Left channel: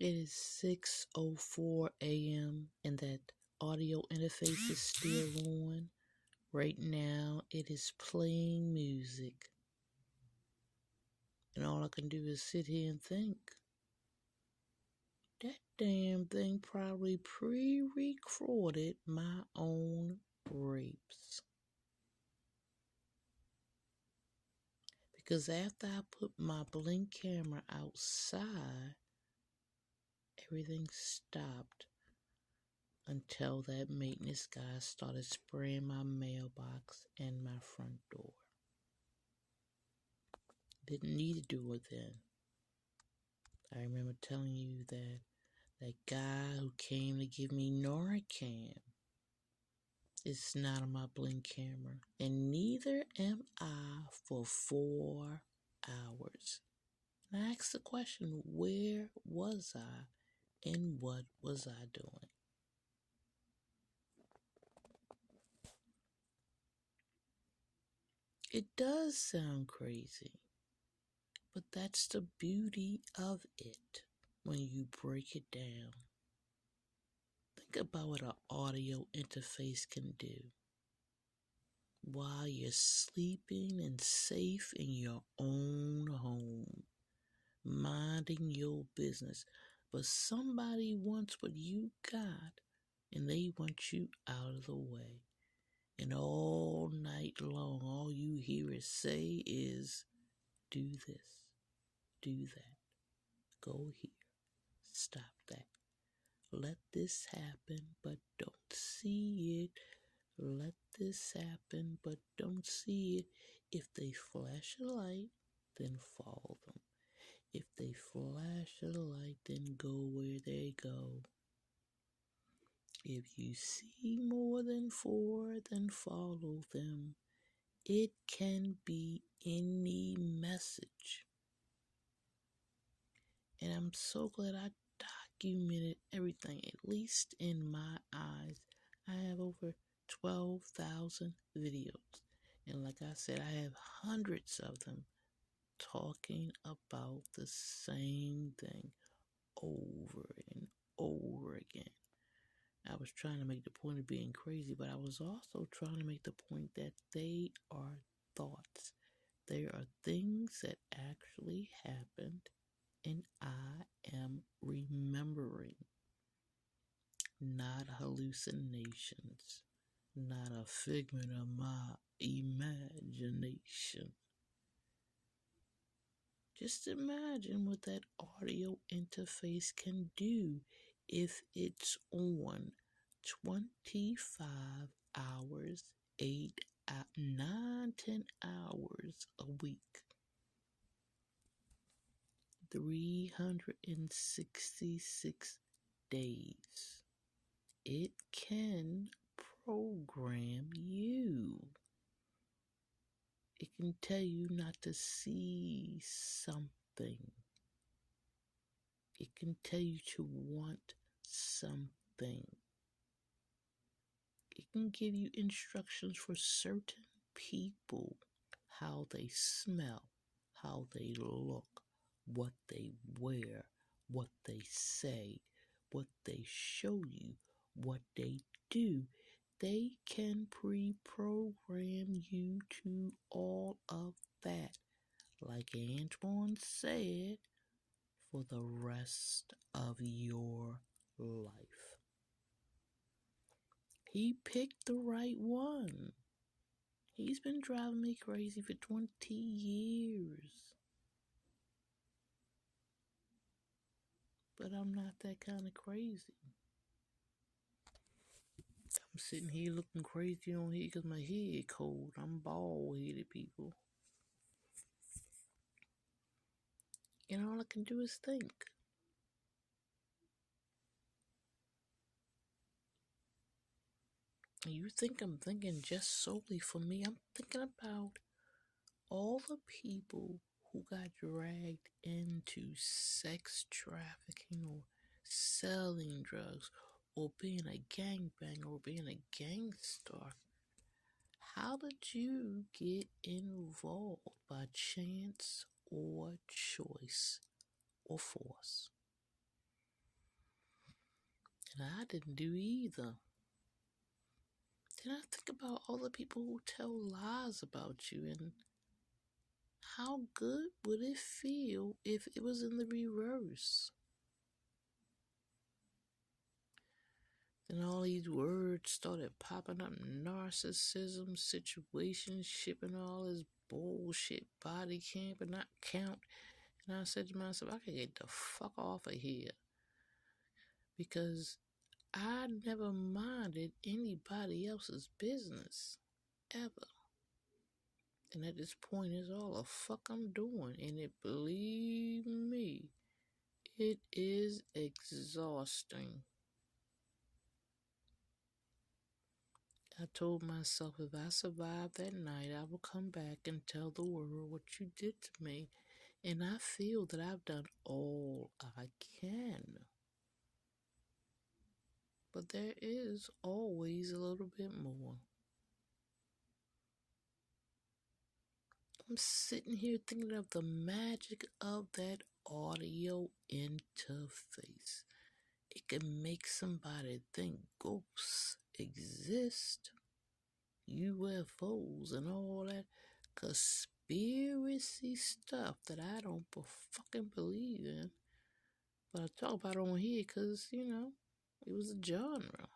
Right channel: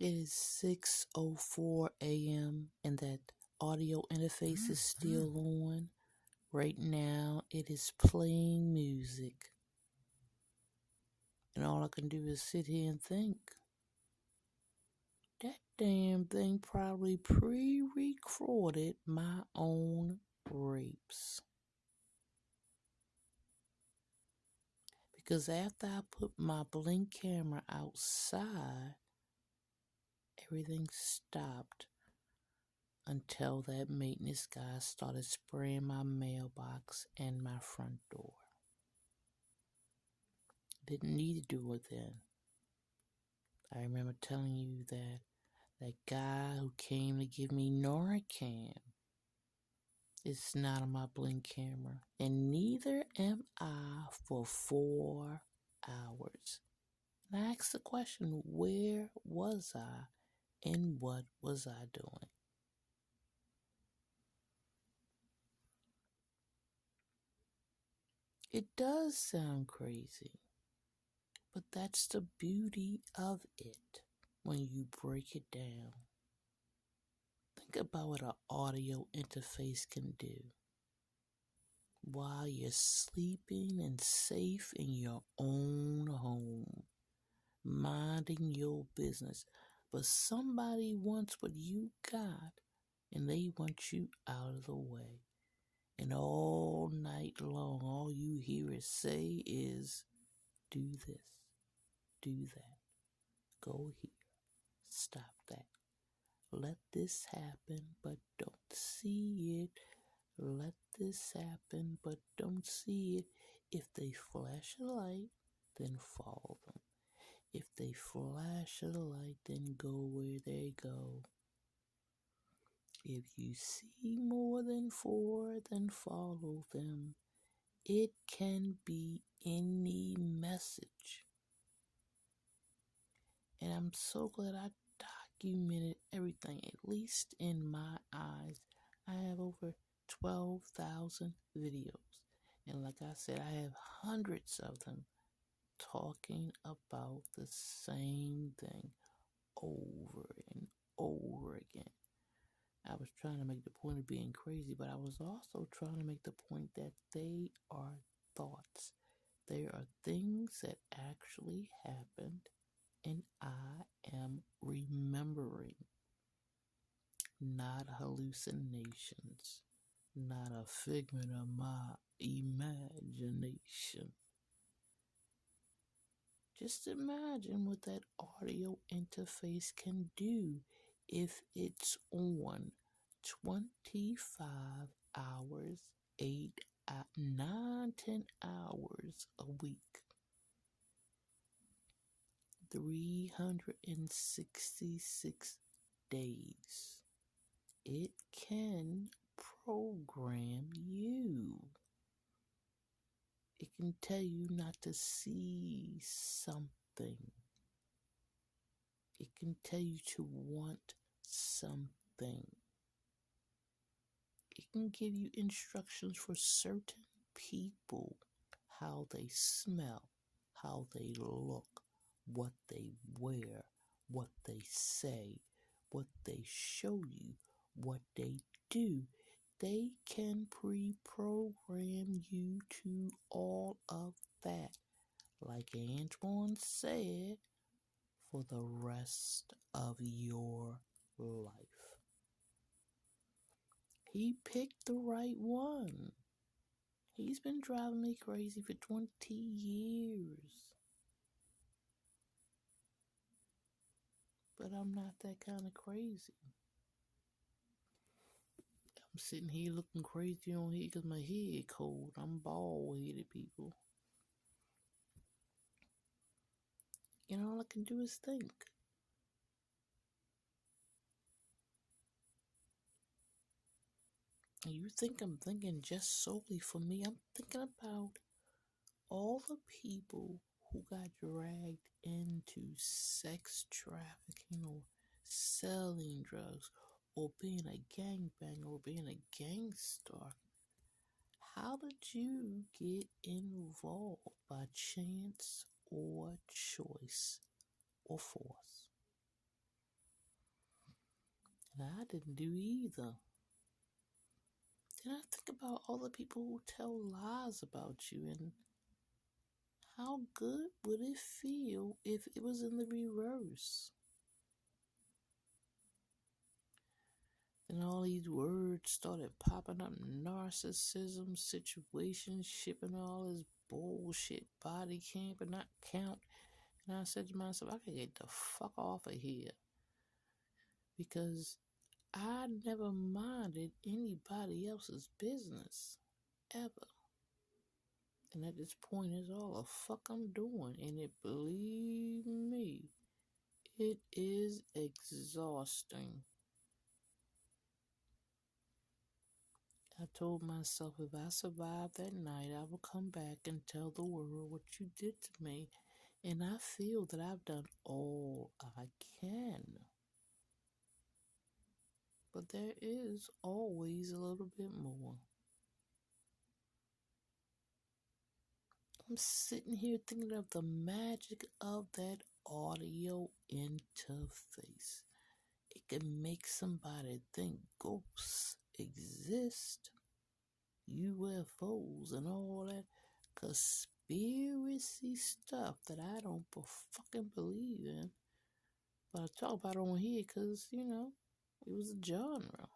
It is 6:04 a.m. and that audio interface is still on. Right now, it is playing music. And all I can do is sit here and think. That damn thing probably pre-recorded my own rapes. Because after I put my Blink camera outside, everything stopped until that maintenance guy started spraying my mailbox and my front door. Didn't need to do it then. I remember telling you that guy who came to give me Narcan is not on my Blink camera, and neither am I for 4 hours. And I asked the question, where was I and what was I doing? It does sound crazy, but that's the beauty of it when you break it down. Think about what an audio interface can do. While you're sleeping and safe in your own home, minding your business, but somebody wants what you got and they want you out of the way. And all night long, all you hear it say is, do this, do that, go here, stop that. Let this happen, but don't see it. Let this happen, but don't see it. If they flash a light, then follow them. If they flash a light, then go where they go. If you see more than 4, then follow them. It can be any message. And I'm so glad I documented everything, at least in my eyes. I have over 12,000 videos. And like I said, I have hundreds of them talking about the same thing over and over again. I was trying to make the point of being crazy, but I was also trying to make the point that they are thoughts. They are things that actually happened, and I am remembering, not hallucinations, not a figment of my imagination. Just imagine what that audio interface can do if it's on 25 hours, 8, 9, 10 hours a week. 366 days. It can program you. It can tell you not to see something. It can tell you to want something. It can give you instructions for certain people, how they smell, how they look, what they wear, what they say, what they show you, what they do. They can pre-program you to all of that. Like Antoine said, for the rest of your life. He picked the right one. He's been driving me crazy for 20 years. But I'm not that kind of crazy. I'm sitting here looking crazy on here because my head cold. I'm bald-headed, people. And all I can do is think. And you think I'm thinking just solely for me. I'm thinking about all the people who got dragged into sex trafficking or selling drugs or being a gangbanger or being a gangster. How did you get involved? By chance or choice or force? didn't do either. Then I think about all the people who tell lies about you, and how good would it feel if it was in the reverse? And all these words started popping up: narcissism, situationship, and all this bullshit, body camp and not count. And I said to myself, I could get the fuck off of here. Because I never minded anybody else's business, ever. And at this point, it's all the fuck I'm doing. And it, believe me, it is exhausting. I told myself if I survive that night, I will come back and tell the world what you did to me. And I feel that I've done all I can. But there is always a little bit more. I'm sitting here thinking of the magic of that audio interface. It can make somebody think ghosts exist, UFOs, and all that conspiracy stuff that I don't fucking believe in. But I talk about it on here because, it was a genre.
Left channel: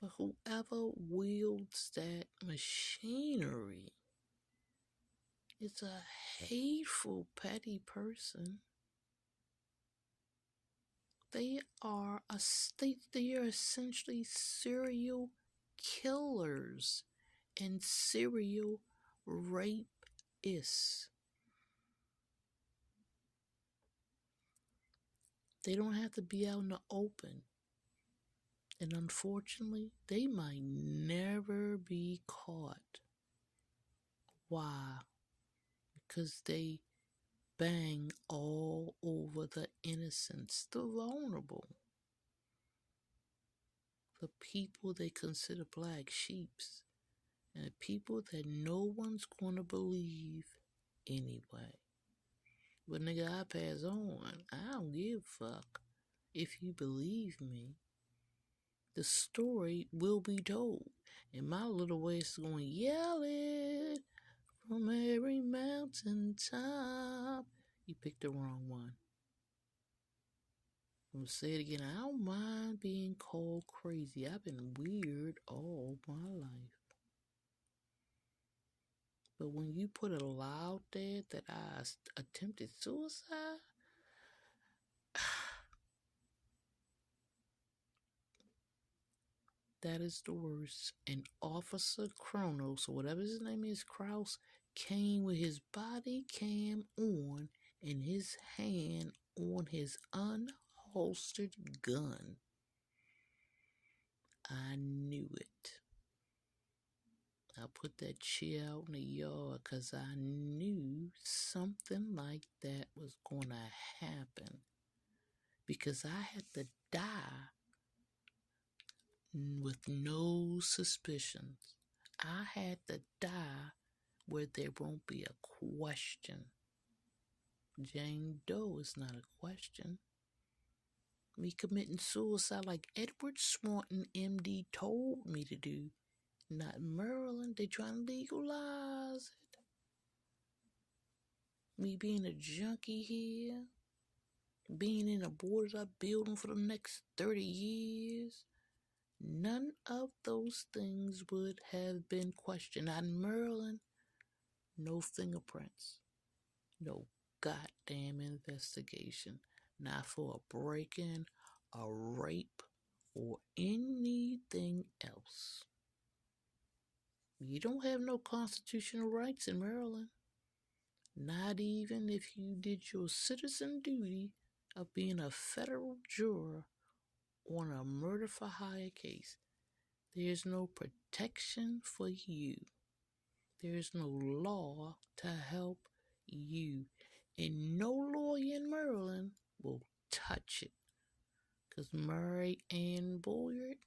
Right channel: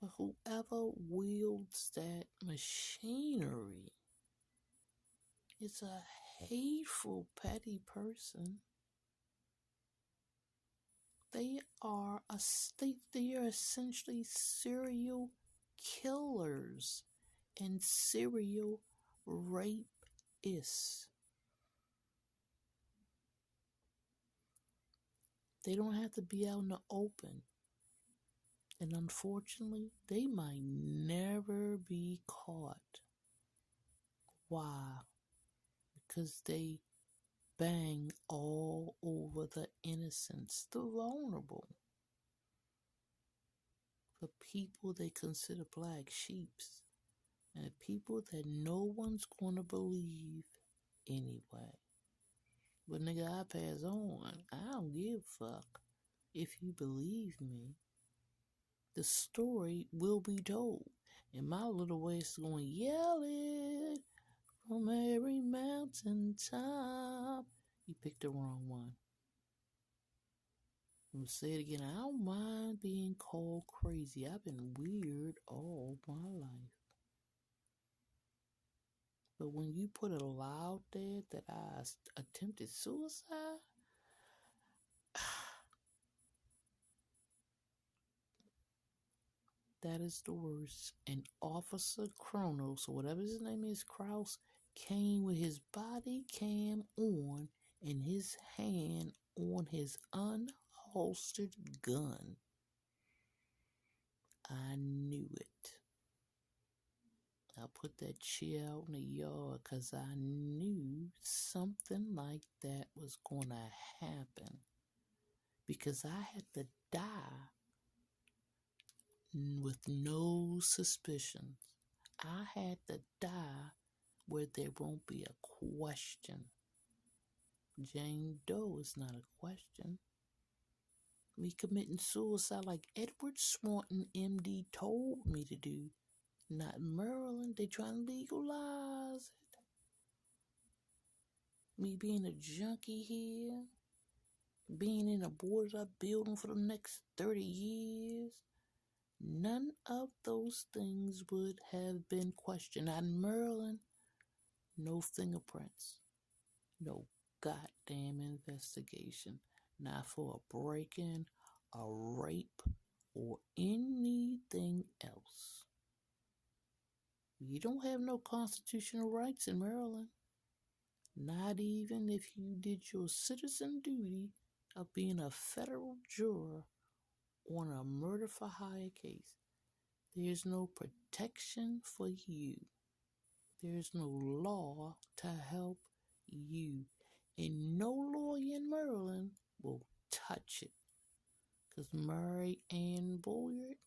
But whoever wields that machinery is a hateful, petty person. They are essentially serial killers and serial rapists. They don't have to be out in the open. And unfortunately, they might never be caught. Why? Because they bang all over the innocents, the vulnerable, the people they consider black sheeps, and the people that no one's going to believe anyway. But nigga, I pass on. I don't give a fuck. If you believe me, the story will be told. And my little voice is going to yell it from every mountaintop. You picked the wrong one. I'll say it again. I don't mind being called crazy. I've been weird all my life. But when you put a lie out there that I attempted suicide, that is the worst. And Officer Kronos, or whatever his name is, Kraus, came with his body cam on and his hand on his unholstered gun. I knew it. I put that chair out in the yard because I knew something like that was going to happen. Because I had to die with no suspicions. I had to die where there won't be a question. Jane Doe is not a question. Me committing suicide like Edward Swanton, MD, told me to do. Not Maryland. They trying to legalize it. Me being a junkie here. Being in a boarded up building for the next 30 years. None of those things would have been questioned. Not in Maryland. No fingerprints. No goddamn investigation. Not for a break-in, a rape, or anything else. You don't have no constitutional rights in Maryland. Not even if you did your citizen duty of being a federal juror on a murder for hire case. There's no protection for you. There's no law to help you. And no lawyer in Maryland will touch it. Because Mary Ann Boyard,